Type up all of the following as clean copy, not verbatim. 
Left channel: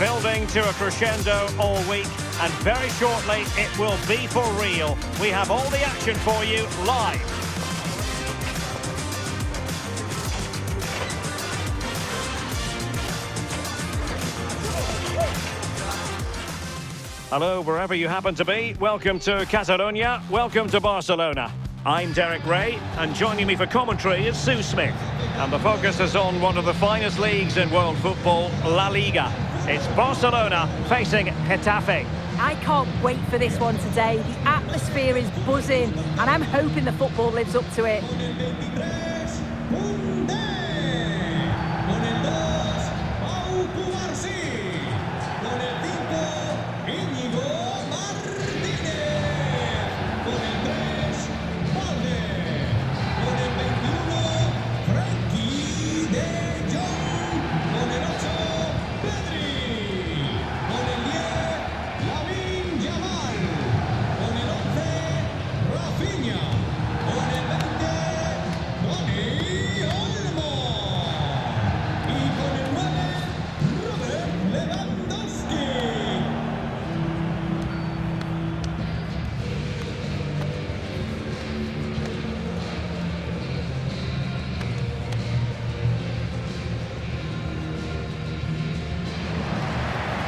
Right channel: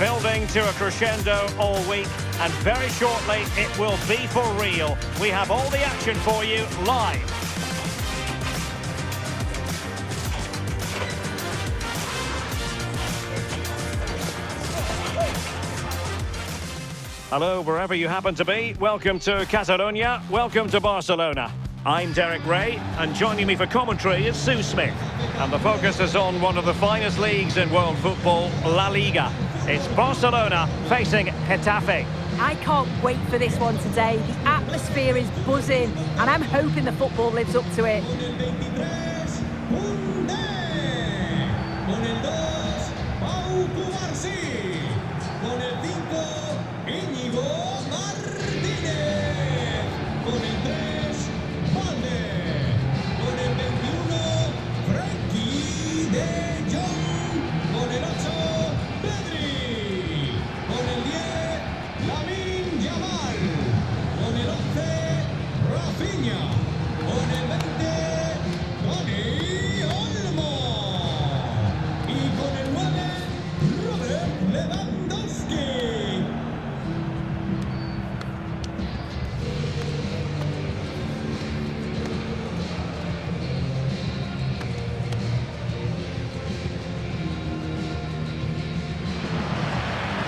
Building to a crescendo all week, and very shortly it will be for real. We have all the action for you live. Hello, wherever you happen to be. Welcome to Catalonia. Welcome to Barcelona. I'm Derek Ray, and joining me for commentary is Sue Smith. And the focus is on one of the finest leagues in world football, La Liga. It's Barcelona facing Getafe. I can't wait for this one today. The atmosphere is buzzing, and I'm hoping the football lives up to it.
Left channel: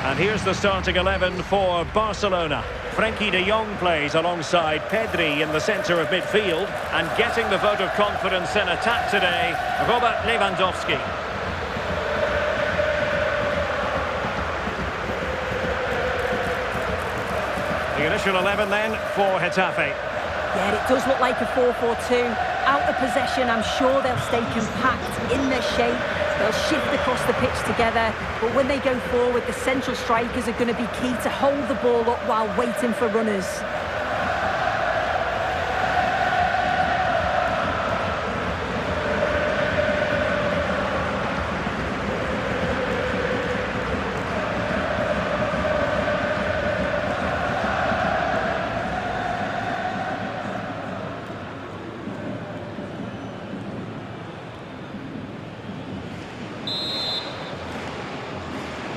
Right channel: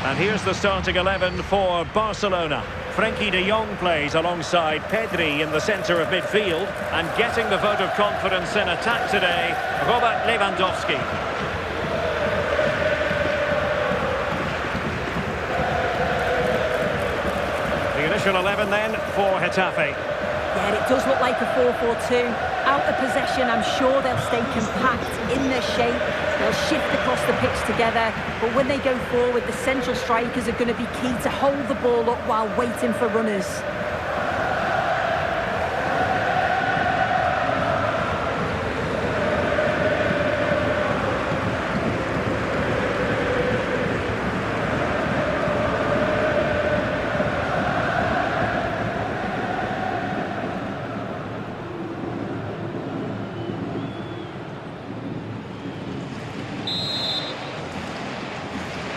And here's the starting 11 for Barcelona. Frenkie de Jong plays alongside Pedri in the centre of midfield, and getting the vote of confidence in attack today, Robert Lewandowski. The initial 11 then for Getafe. Yeah, it does look like a 4-4-2. Out of possession, I'm sure they'll stay compact in their shape. They'll shift across the pitch together, but when they go forward, the central strikers are going to be key to hold the ball up while waiting for runners.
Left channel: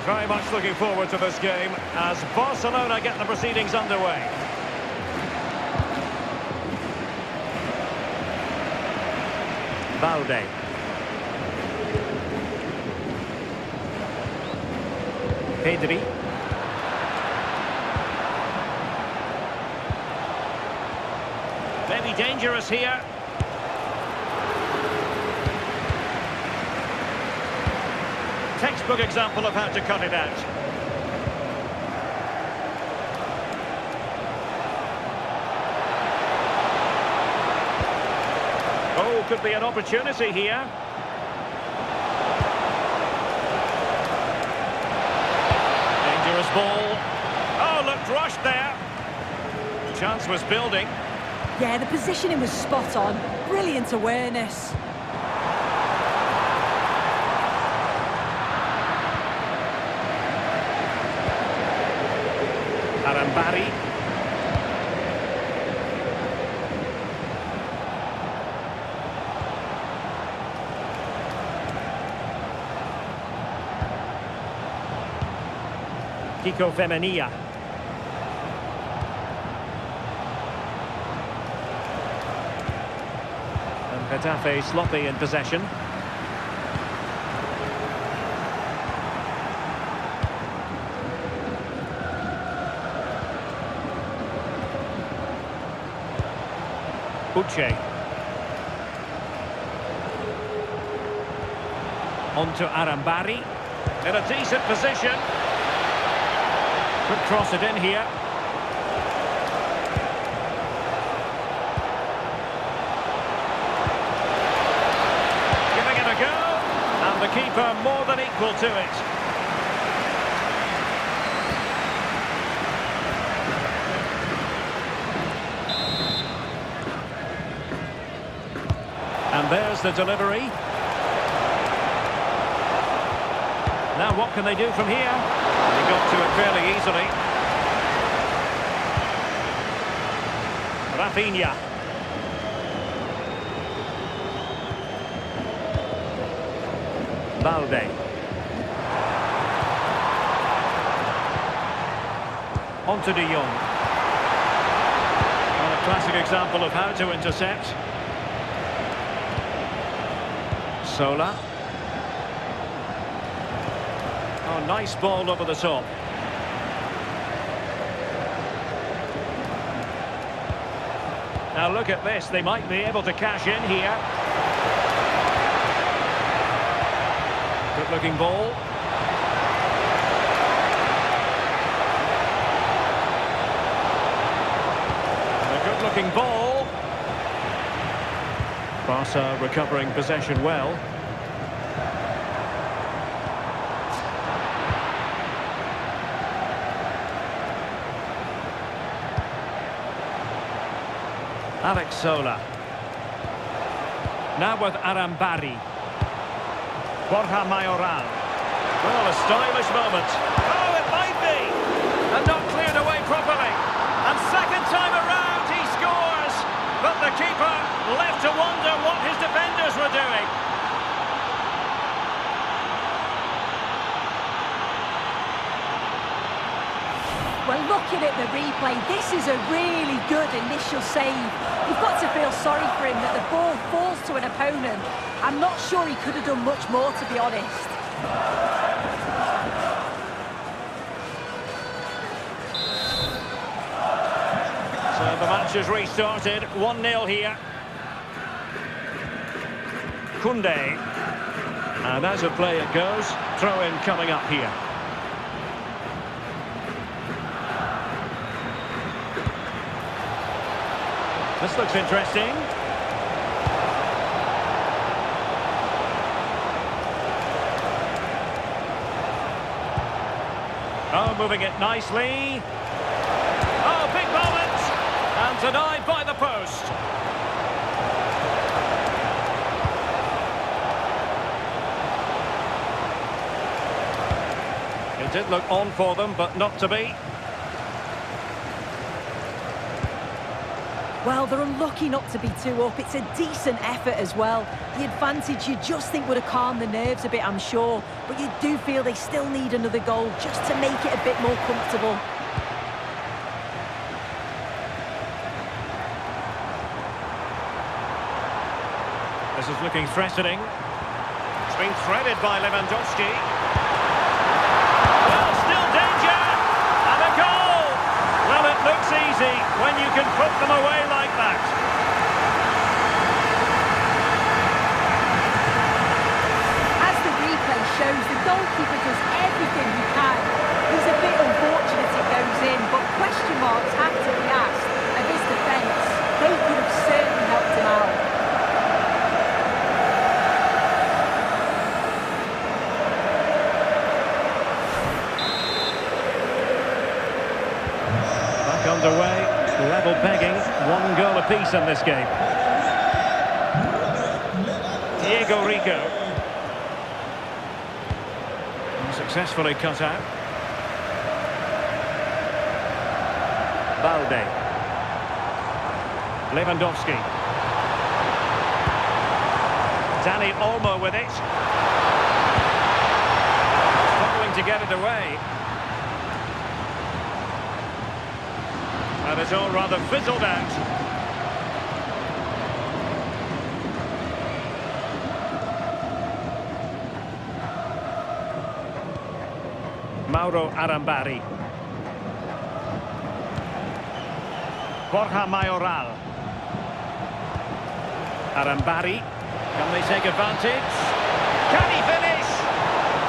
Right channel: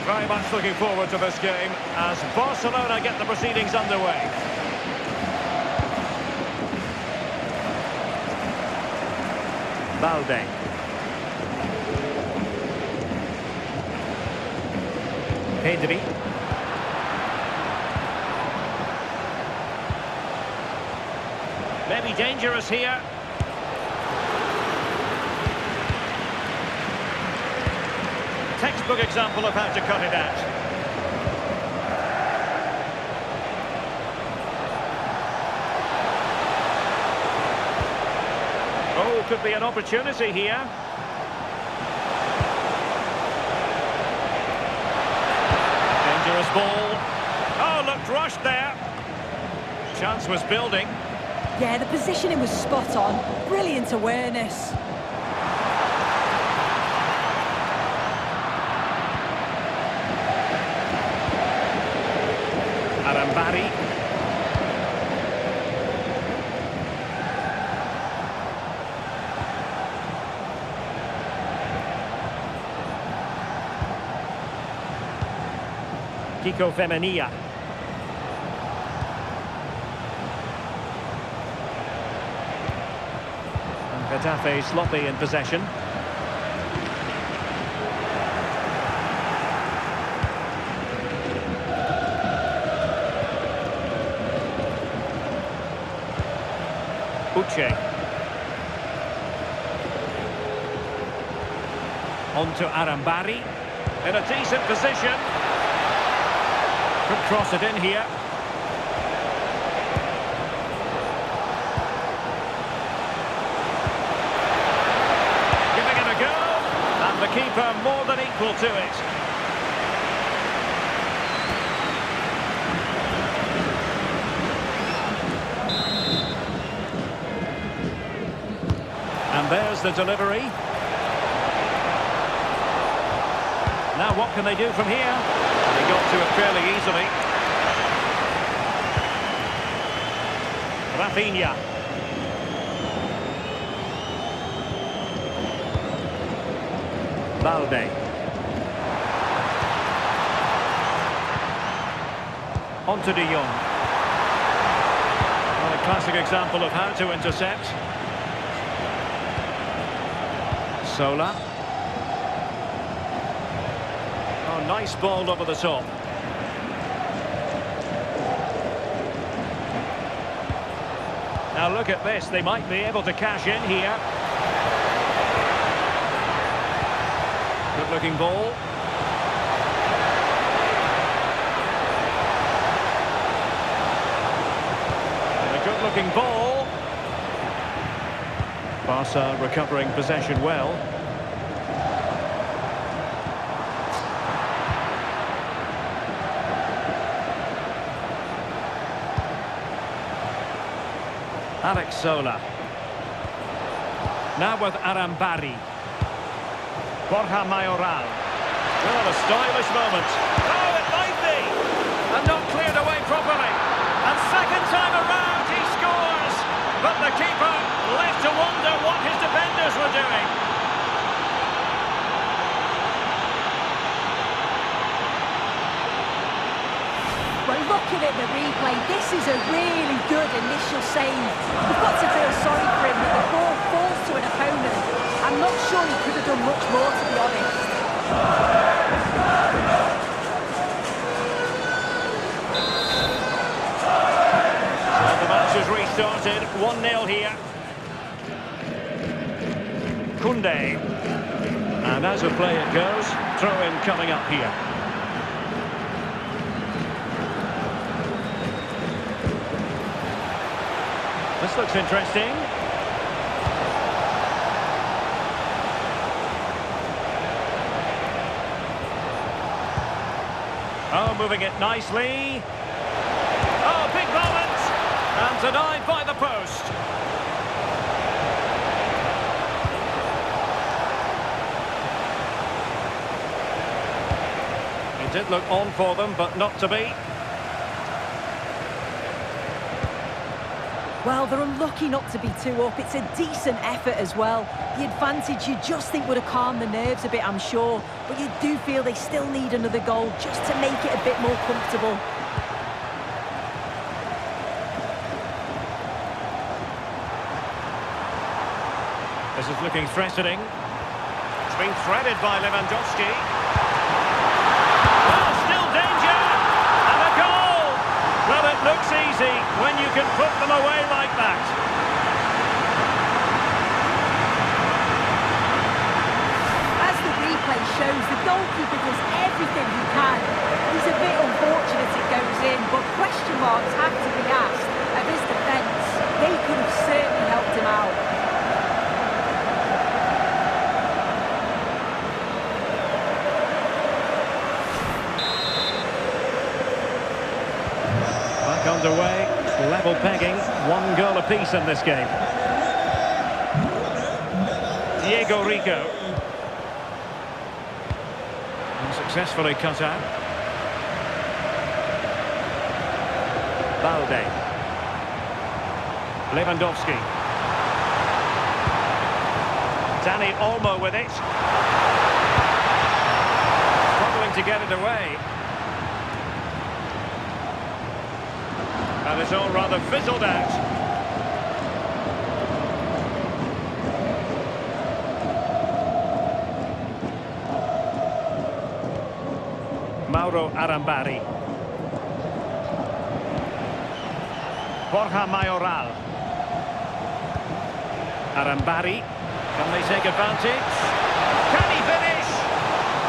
Very much looking forward to this game as Barcelona get the proceedings underway. Balde. Pedri. Maybe dangerous here. Textbook example of how to cut it out. Oh, could be an opportunity here. Dangerous ball. Oh, looked rushed there. Chance was building. Yeah, the positioning was spot on. Brilliant awareness. Arambari. Kiko Femenia. And Getafe sloppy in possession. Uche. On to Arambari. In a decent position. Could cross it in here. Giving it a go. And the keeper more than equal to it. And there's the delivery. Now what can they do from here? They got to it fairly easily. Rafinha. Balde. On to De Jong. Well, a classic example of how to intercept. Sola. Oh, nice ball over the top. Now look at this, they might be able to cash in here. Good looking ball. And a good looking ball. Barca recovering possession well. Alex Sola. Now with Arambari. Borja Mayoral. Well, a stylish moment. Oh, it might be! And not cleared away properly. And second time around, he scores! But the keeper left to wonder what his defenders were doing. Well, looking at the replay, this is a really good initial save. You've got to feel sorry for him that the ball falls to an opponent. I'm not sure he could have done much more, to be honest. So the match has restarted, 1-0 here. Koundé. And as a play it goes, throw-in coming up here. This looks interesting. Oh, moving it nicely. Oh, big moment! And denied by the post. It did look on for them, but not to be. Well, they're unlucky not to be 2 up. It's a decent effort as well. The advantage you just think would have calmed the nerves a bit, I'm sure. But you do feel they still need another goal just to make it a bit more comfortable. This is looking threatening. It's been threaded by Lewandowski. Well, still danger! And a goal! Well, it looks easy when you can put them away like that. As the replay shows, the goalkeeper does everything he can. He's a bit unfortunate it goes in, but question marks have to be asked of his defence. They could have certainly helped him out. Back underway, level pegging, 1 goal apiece in this game. Diego Rico. Successfully cut out. Balde. Lewandowski. Dani Olmo with it. Struggling to get it away. And it's all rather fizzled out. Mauro Arambari. Borja Mayoral. Arambari. Can they take advantage? Can he finish?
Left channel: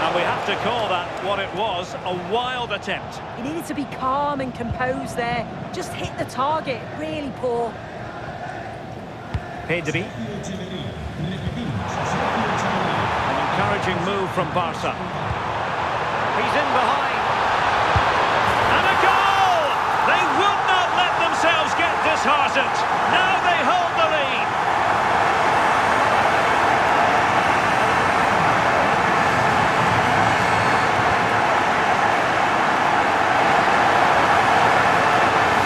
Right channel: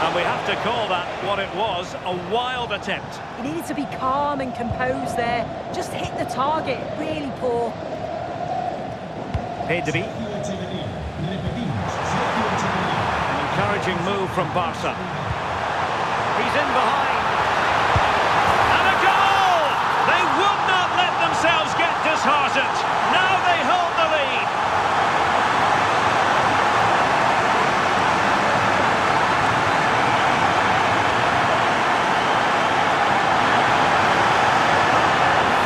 And we have to call that what it was, a wild attempt. He needed to be calm and composed there. Just hit the target. Really poor. Pedri. An encouraging move from Barca. He's in behind. And a goal! They would not let themselves get disheartened. Now they hold the lead.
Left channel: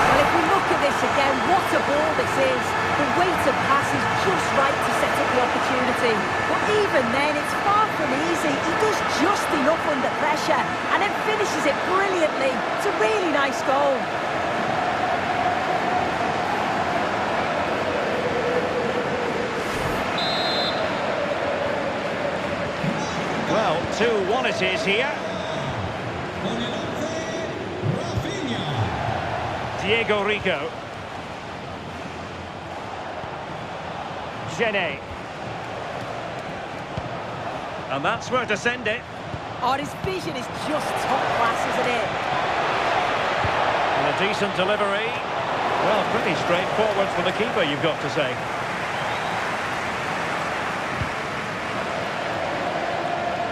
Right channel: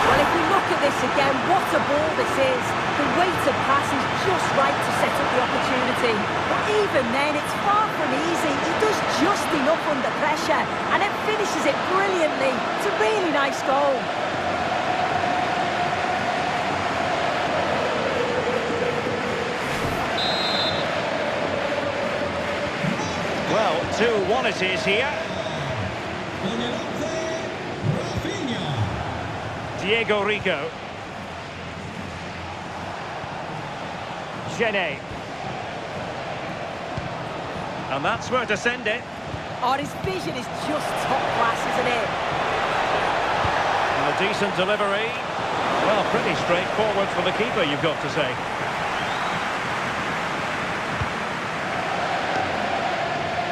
Well, if we look at this this again. What a ball this is. The weighted pass is just right to set up the opportunity. But even then, it's far from easy. He does just enough under pressure and then finishes it brilliantly. It's a really nice goal. Well, 2-1 it is here. Diego Rico. Gene. And that's where to send it. Oh, his vision is just top class, isn't it? And a decent delivery. Well, pretty straightforward for the keeper, you've got to say.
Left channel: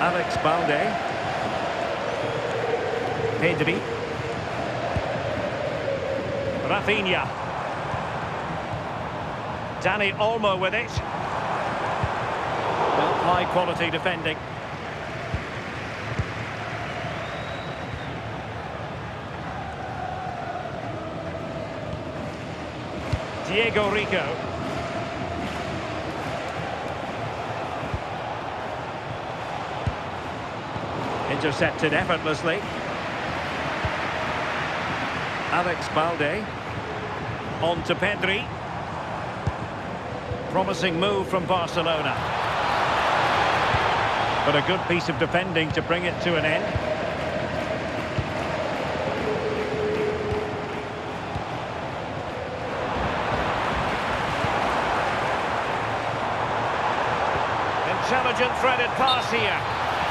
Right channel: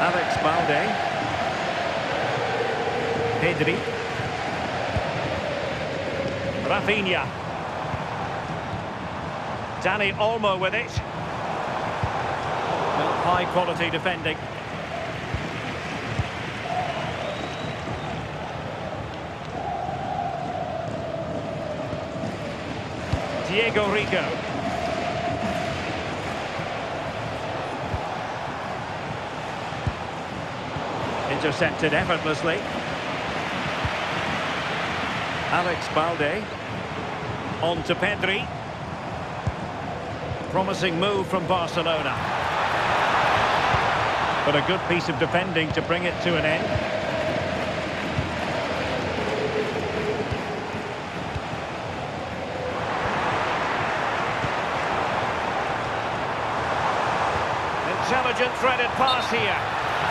Alex Balde. Pedri. Rafinha. Dani Olmo with it. Well, high quality defending. Diego Rico. Intercepted effortlessly. Alex Balde. On to Pedri. Promising move from Barcelona. But a good piece of defending to bring it to an end. Intelligent threaded pass here.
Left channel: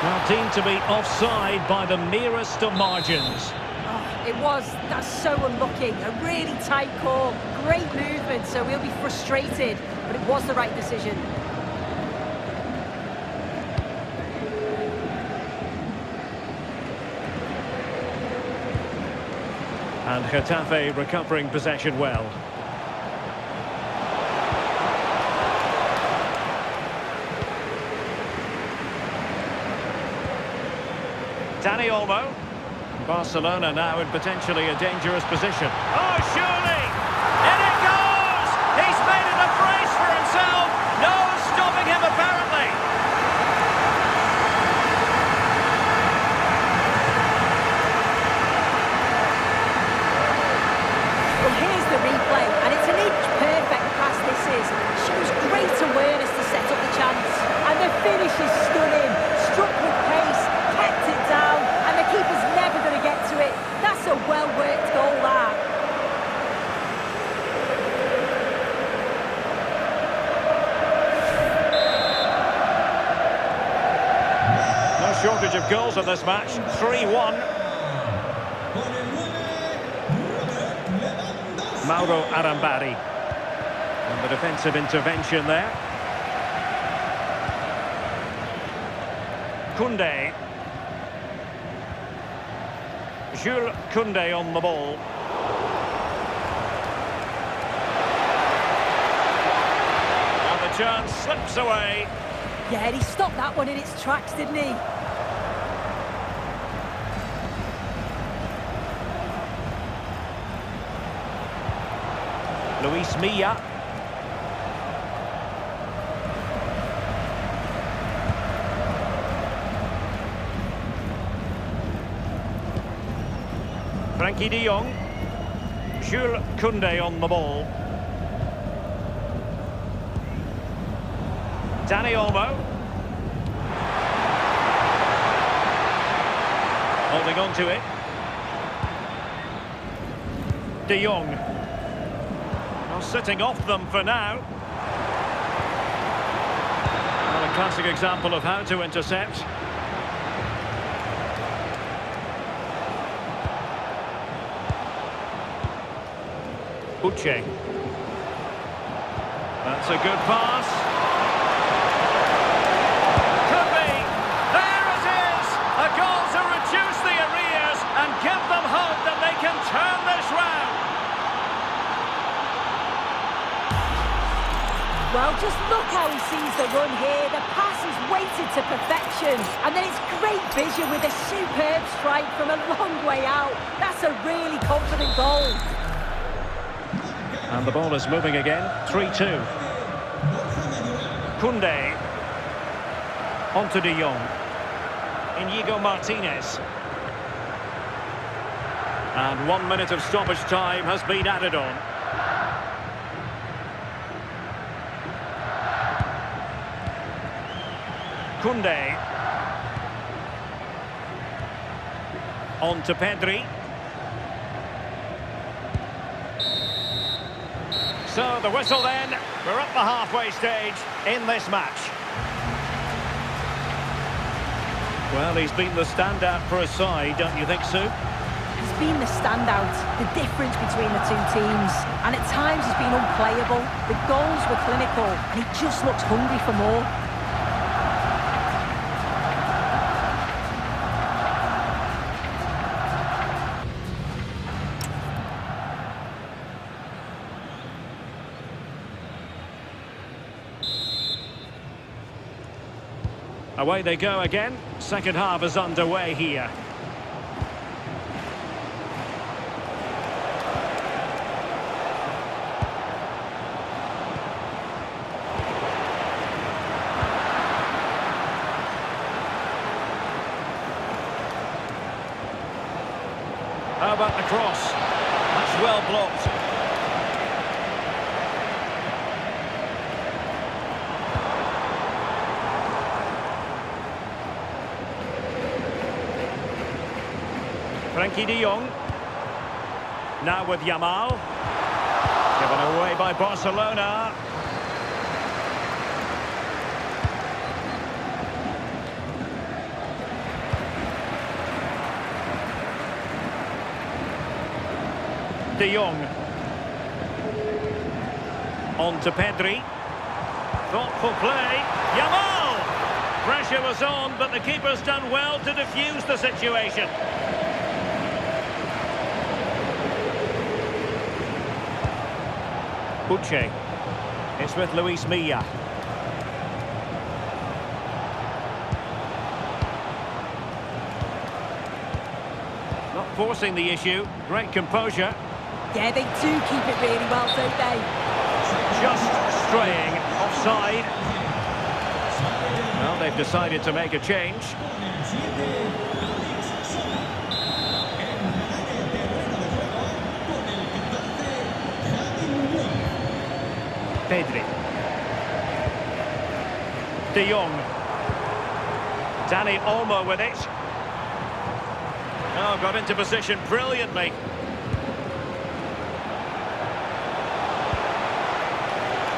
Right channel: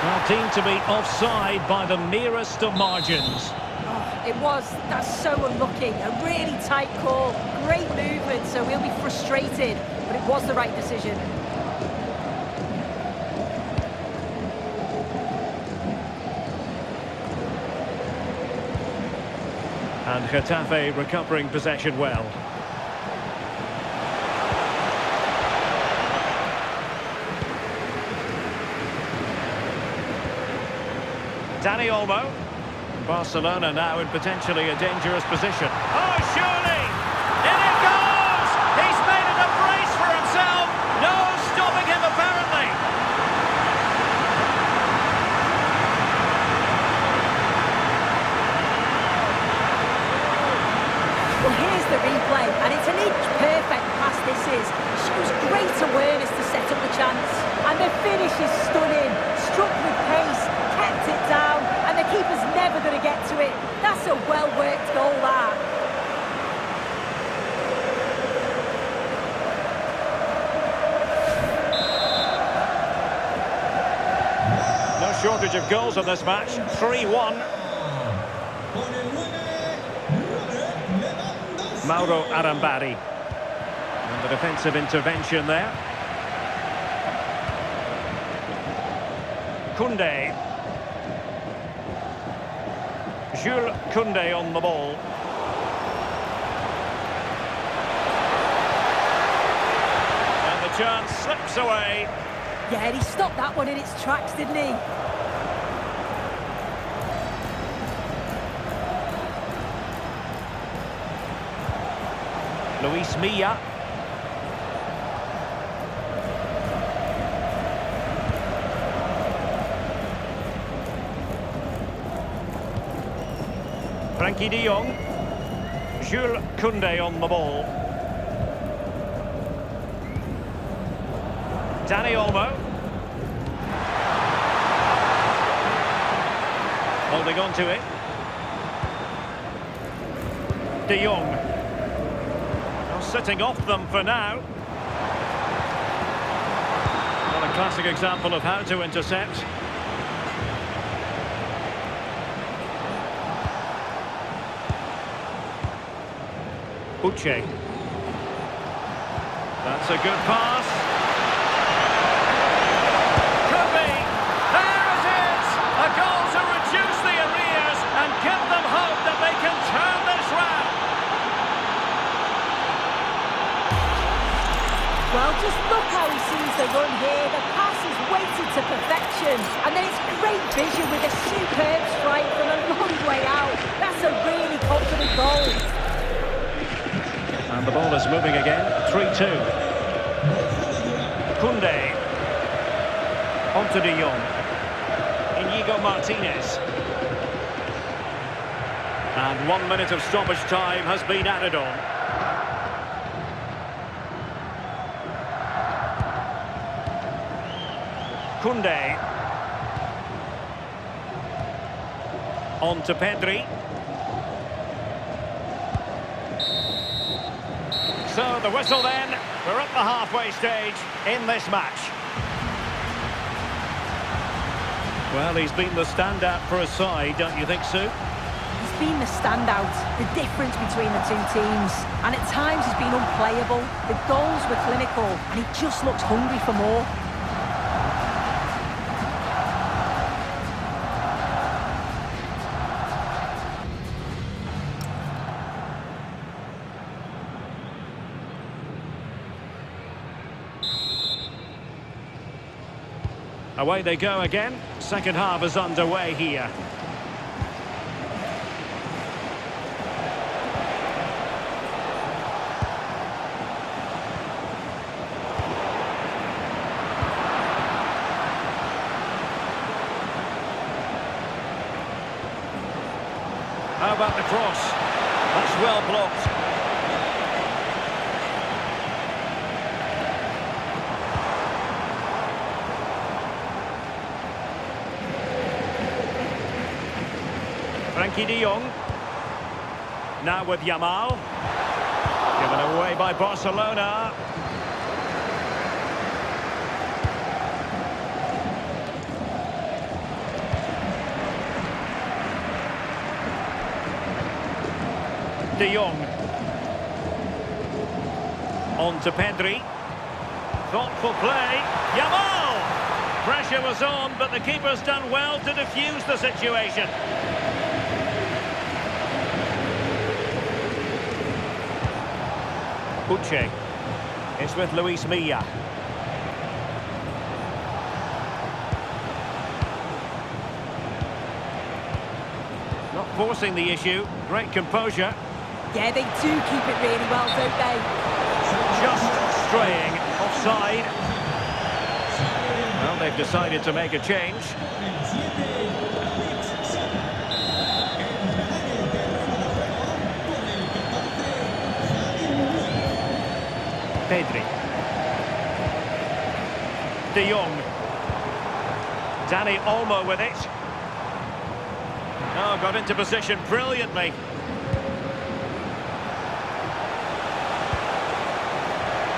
Well, deemed to be offside by the merest of margins. Oh, it was. That's so unlucky. A really tight call. Great movement, so he'll be frustrated. But it was the right decision. And Getafe recovering possession well. Dani Olmo. Barcelona now in potentially a dangerous position. Oh, surely! In it goes! He's made it a brace for himself. No stopping him, apparently. Well, here's the replay, and it's an inch-perfect pass this is. Shows great awareness to set up the chance. And the finish is stunning. Struck with pace, kept it down, and the keeper's never going to get to it. That's a well-worked goal, that. No shortage of goals in this match. 3-1. Mauro Arambari. And the defensive intervention there. Koundé. Jules Koundé on the ball. And the chance slips away. Yeah, and he stopped that one in its tracks, didn't he? Luis Milla. Frankie de Jong. Jules Koundé on the ball. Dani Olmo. Holding on to it. De Jong. Well, sitting off them for now. Well, a classic example of how to intercept. Uche. That's a good pass. Could be. There it is. A goal to reduce the arrears and give them hope that they can turn this round. Well, just look how he sees the run here. The pass is weighted to perfection. And then it's great vision with a superb strike from a long way out. That's a really confident goal. And the ball is moving again. 3-2. Koundé. On to De Jong. Inigo Martinez. And 1 minute of stoppage time has been added on. Koundé. On to Pedri. So the whistle then. We're at the halfway stage in this match. Well, he's been the standout for his side, don't you think, Sue? He's been the standout, the difference between the two teams. And at times he's been unplayable. The goals were clinical and he just looks hungry for more. Away they go again. Second half is underway here. How about the cross? That's well blocked. Frankie de Jong. Now with Yamal. Given away by Barcelona. De Jong. On to Pedri. Thoughtful play. Yamal! Pressure was on, but the keeper's done well to defuse the situation. Uche. It's with Luis Milla. Not forcing the issue. Great composure. Yeah, they do keep it really well, don't they? Just straying offside. Well, they've decided to make a change. Pedri. De Jong. Dani Olmo with it. Oh, got into position brilliantly.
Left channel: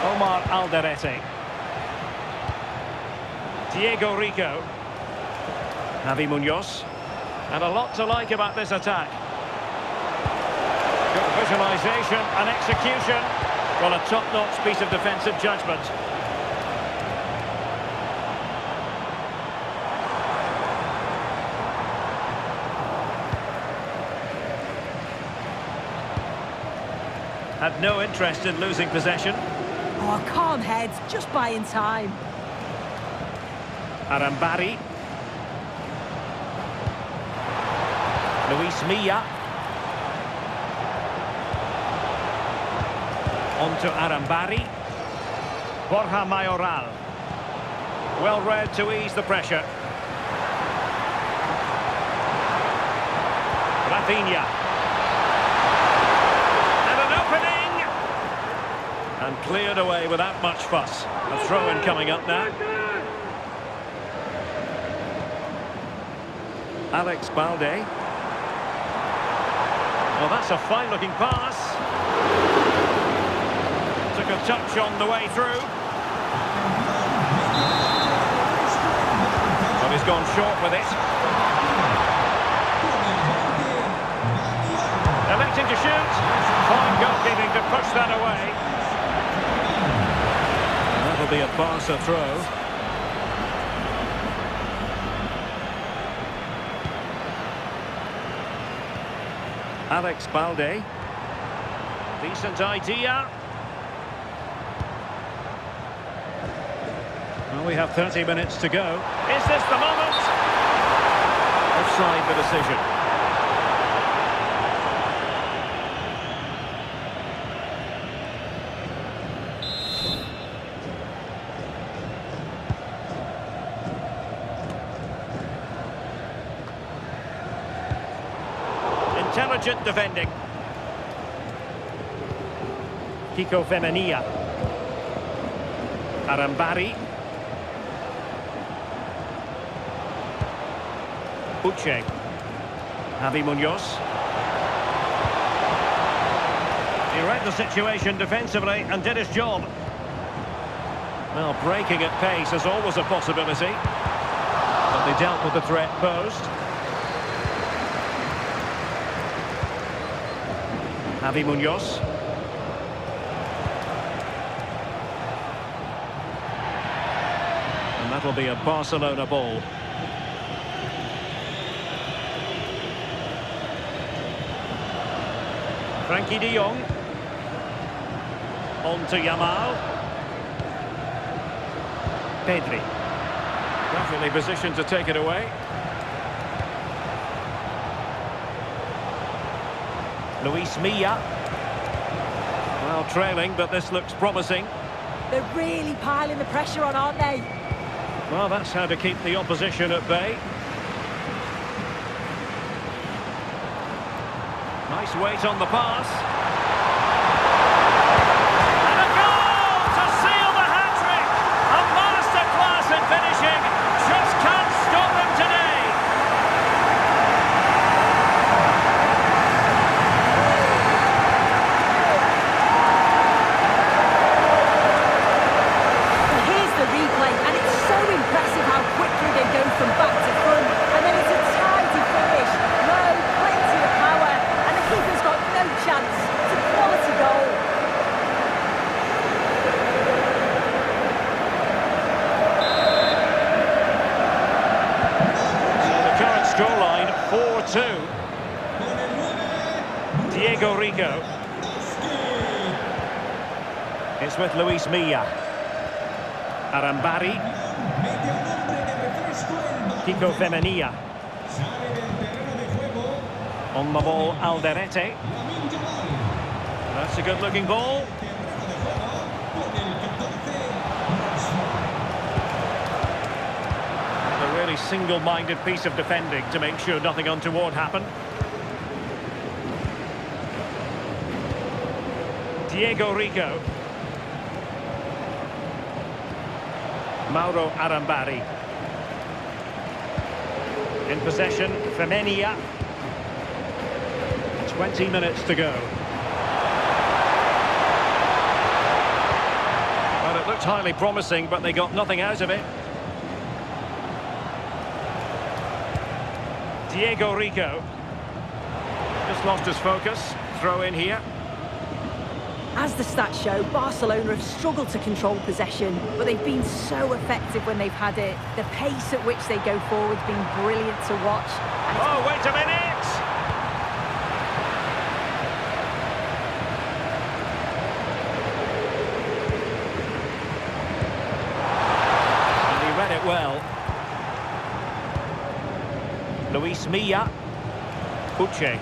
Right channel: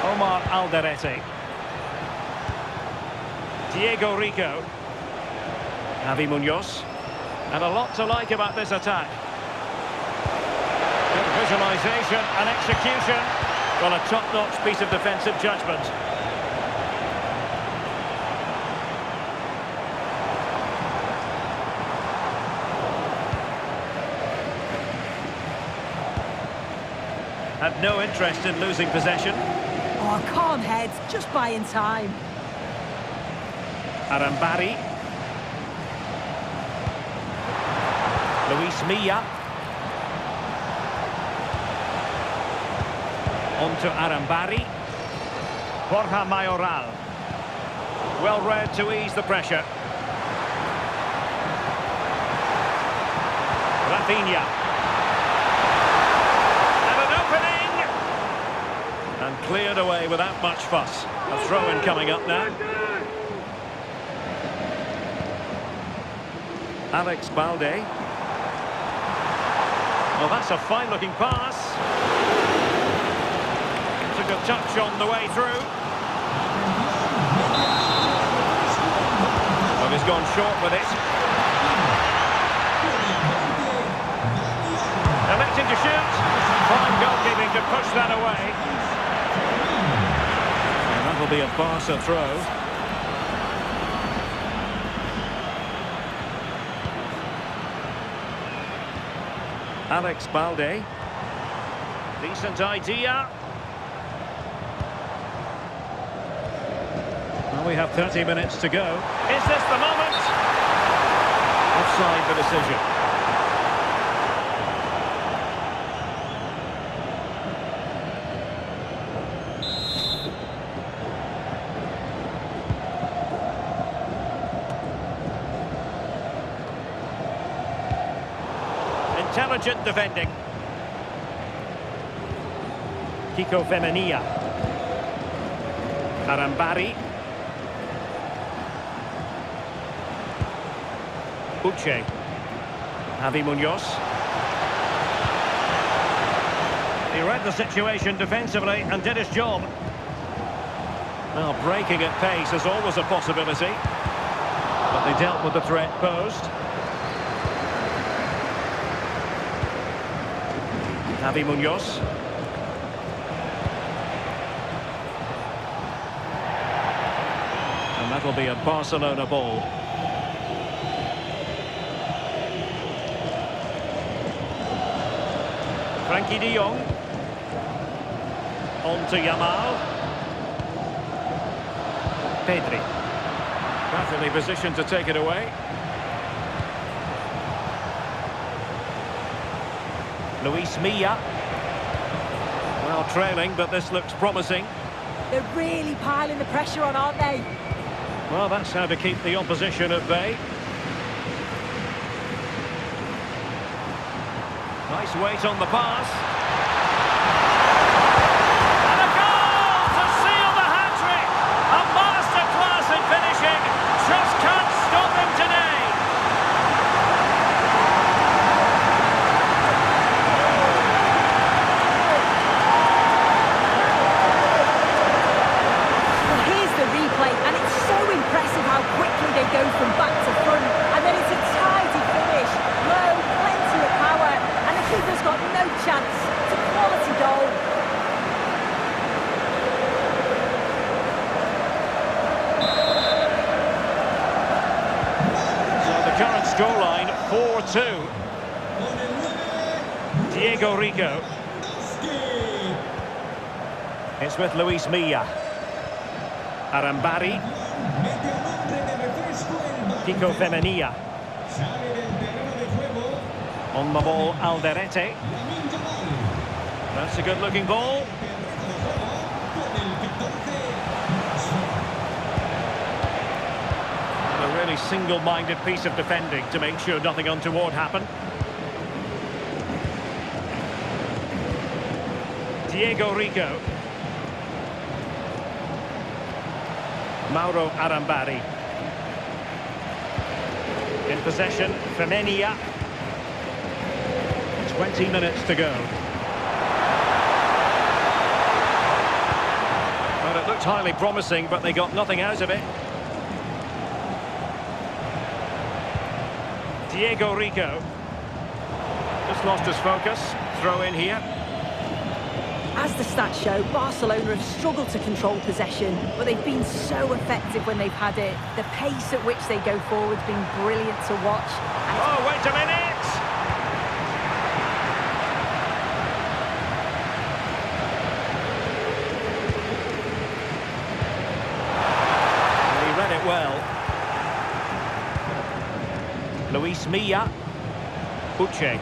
Omar Alderete. Diego Rico. Javi Munoz. And a lot to like about this attack. Good visualisation and execution. Well, a top-notch piece of defensive judgment. Had no interest in losing possession. Oh, calm heads, just buying time. Arambari. Luis Milla. On to Arambari. Borja Mayoral. Well read to ease the pressure. Rafinha. And an opening! And cleared away without much fuss. A throw-in coming up now. Alex Balde. Well, that's a fine-looking pass. Took a touch on the way through. But he's gone short with it. Electing to shoot. Fine goalkeeping to push that away. And that'll be a Barca throw. Alex Balde. Decent idea. Well, we have 30 minutes to go. Is this the moment? Offside the decision. Intelligent defending. Kiko Femenia. Arambari. Uche. Javi Munoz. He read the situation defensively and did his job. Well, breaking at pace is always a possibility, but they dealt with the threat posed. Javi Munoz. And that'll be a Barcelona ball. Frankie de Jong. On to Yamal. Pedri. Perfectly positioned to take it away. Luis Milla. Well, trailing, but this looks promising. They're really piling the pressure on, aren't they? Well, that's how to keep the opposition at bay. Nice weight on the pass. And a goal to seal the hat-trick! A masterclass in finishing. Just can't stop them today. Well, here's the replay, and it's so impressive how quickly they go from back to front. And then it's a tidy finish. Low, plenty of power. And the keeper's got no chance. It's a quality goal. So the current scoreline, 4-2. Diego Rico. It's with Luis Milla. Arambari. Kiko Femenia. On the ball, Alderete. That's a good-looking ball. A really single-minded piece of defending to make sure nothing untoward happened. Diego Rico. Mauro Arambari. In possession, Femenia. 20 minutes to go. Well, it looked highly promising, but they got nothing out of it. Diego Rico. Just lost his focus. Throw in here. As the stats show, Barcelona have struggled to control possession, but they've been so effective when they've had it. The pace at which they go forward has been brilliant to watch. Oh, wait a minute! And he read it well. Luis Milla. Uche.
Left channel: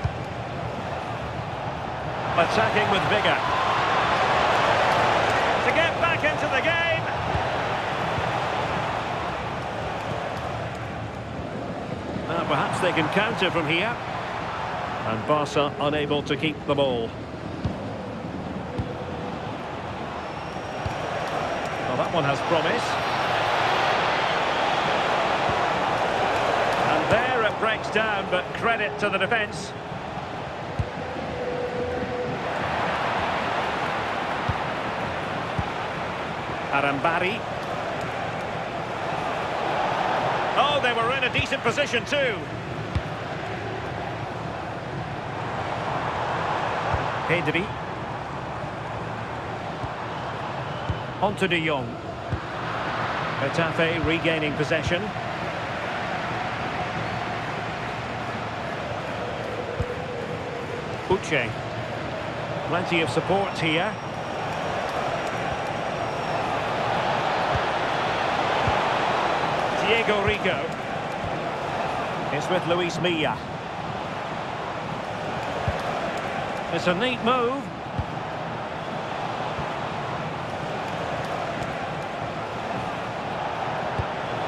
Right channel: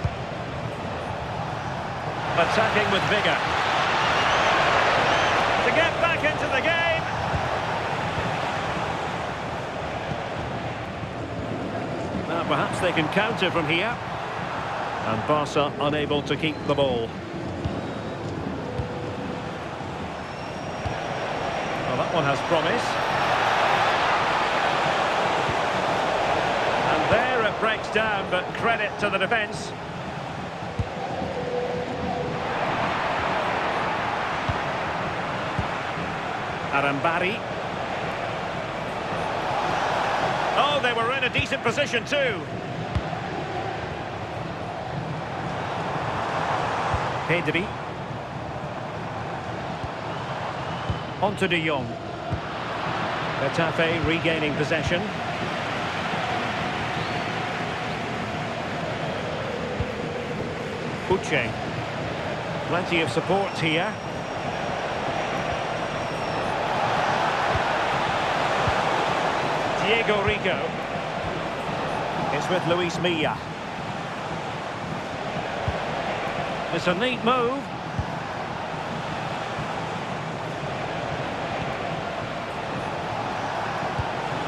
Attacking with vigour. To get back into the game. Now perhaps they can counter from here. And Barca unable to keep the ball. Well, that one has promise. And there it breaks down, but credit to the defence. Arambari. Oh, they were in a decent position too. Pedri. On to de Jong. Getafe regaining possession. Uche. Plenty of support here. Diego Rico. It's with Luis Milla. It's a neat move.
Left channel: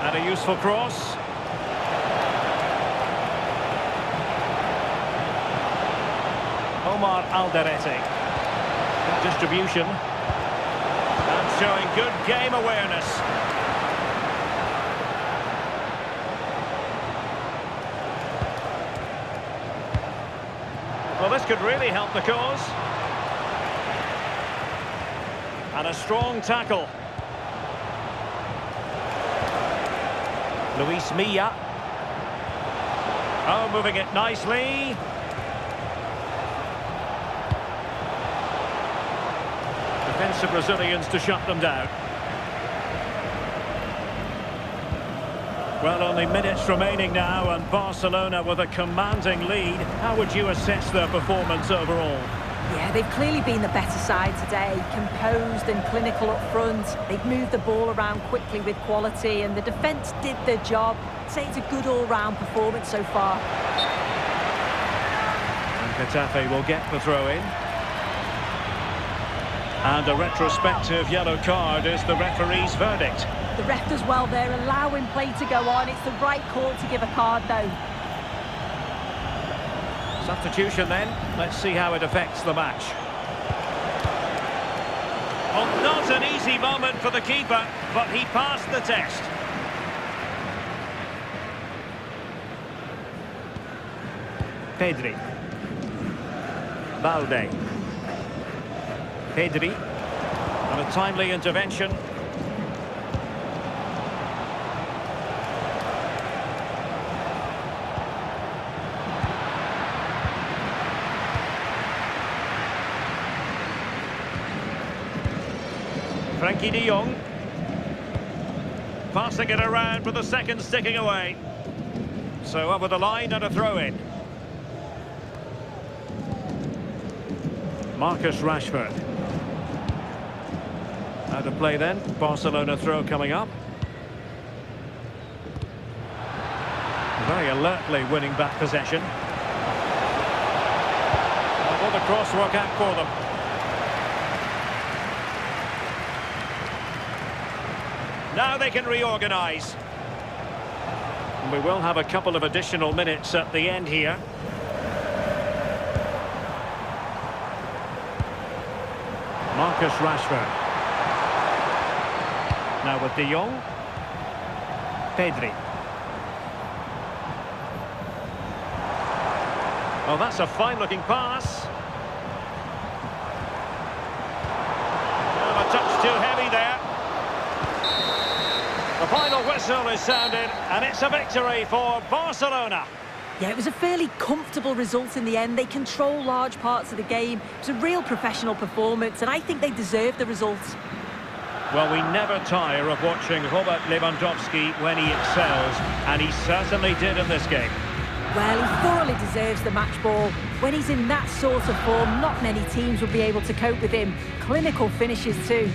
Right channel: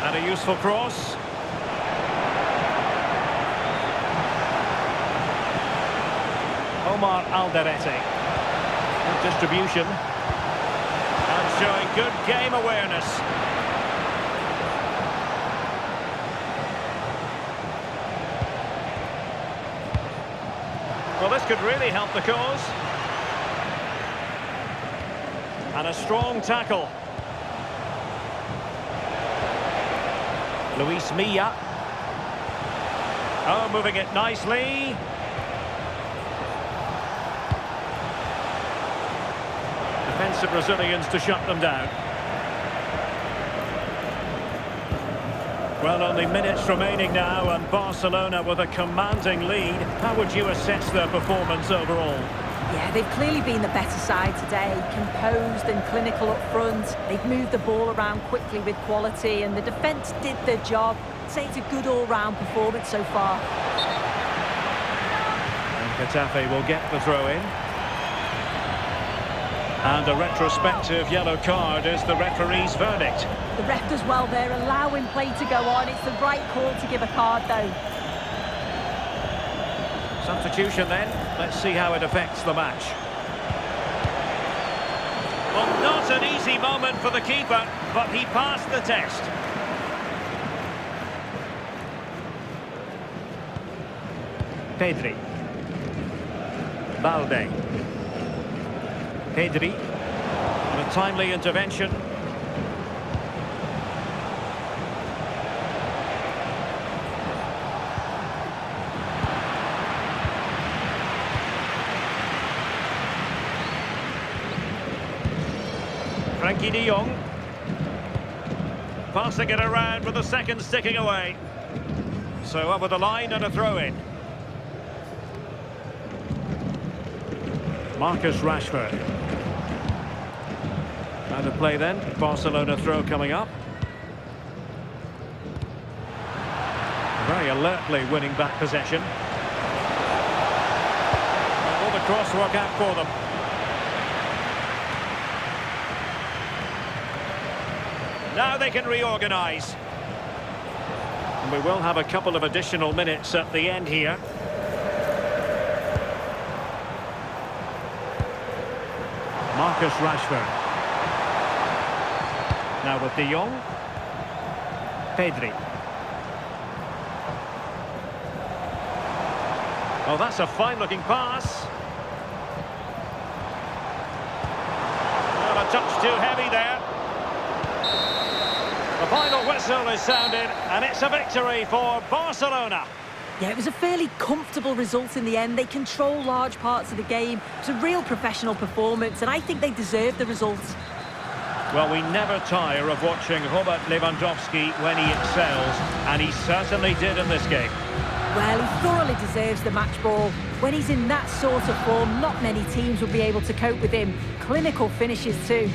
And a useful cross. Omar Alderete. Good distribution. And showing good game awareness. Well, this could really help the cause. And a strong tackle. Luis Milla. Oh, moving it nicely. Defensive Brazilians to shut them down. Well, only minutes remaining now, and Barcelona with a commanding lead. How would you assess their performance overall? Yeah, they've clearly been the better side today, composed and clinical up front. They've moved the ball around quickly with quality, and the defence did their job. I'd say it's a good all-round performance so far. And Getafe will get the throw-in. And a retrospective yellow card is the referee's verdict. The ref does well there, allowing play to go on. It's the right call to give a card, though. Substitution then. Let's see how it affects the match. Well, not an easy moment for the keeper, but he passed the test. Pedri. Balde. Pedri. And a timely intervention. Frankie de Jong. Passing it around with the second sticking away. So over the line and a throw-in. Marcus Rashford. Out of play then. Barcelona throw coming up. Very alertly winning back possession. And will the cross work out for them? Now they can reorganise. And we will have a couple of additional minutes at the end here. Marcus Rashford. Now with de Jong. Pedri. Oh, that's a fine-looking pass. Well, a touch too heavy there. The final whistle is sounded, and it's a victory for Barcelona. Yeah, it was a fairly comfortable result in the end. They control large parts of the game. It's a real professional performance, and I think they deserve the results. Well, we never tire of watching Robert Lewandowski when he excels, and he certainly did in this game. Well, he thoroughly deserves the match ball. When he's in that sort of form, not many teams will be able to cope with him. Clinical finishes too.